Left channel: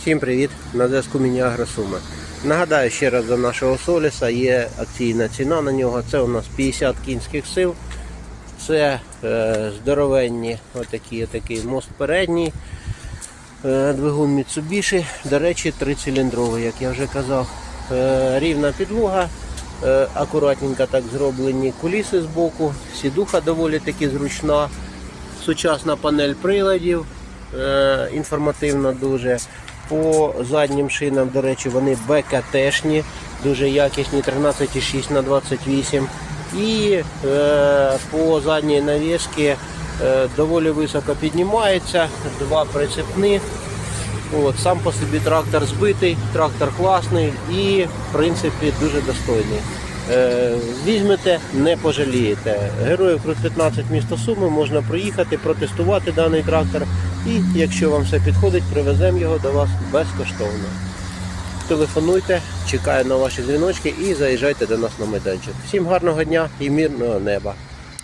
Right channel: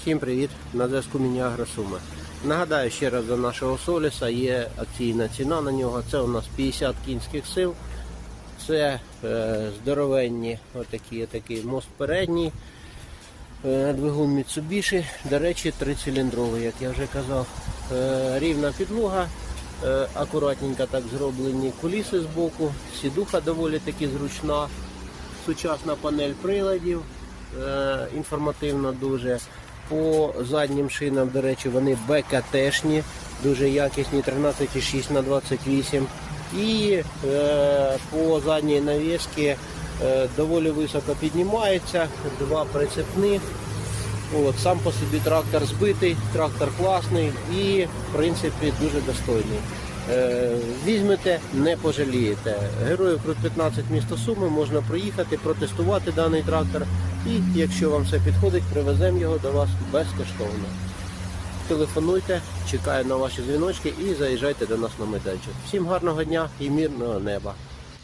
Всім привіт! На зв'язку Міні Агросуми. Нагадаю ще раз до нашого соліса є акційна ціна на нього. Це у нас 50 кінських сил. Це е, здоровенні отакі, отакий мост передній. Е, двигун Mitsubishi, до речі, трициліндровий, як я вже казав. Е, рівна підлога, е, акуратненько так зроблені куліси з боку, сідуха доволі таки зручна, сучасна панель приладів, е, інформативна дуже. По заднім шинам, до речі, вони БКТшні, дуже якісні, 13,6 на 28 І е, по задній навіски е, доволі високо піднімається, два прицепних. От, сам по собі трактор збитий, трактор класний і в принципі дуже достойний. Е, візьмете, не пожалієте. Героїв Крут 15 місто Суми можна проїхати, протестувати даний трактор. І якщо вам все підходить, привеземо його до вас безкоштовно. Телефонуйте, чекаю на ваші дзвіночки і заїжджайте до нас на майданчик. Всім гарного дня і мирного неба!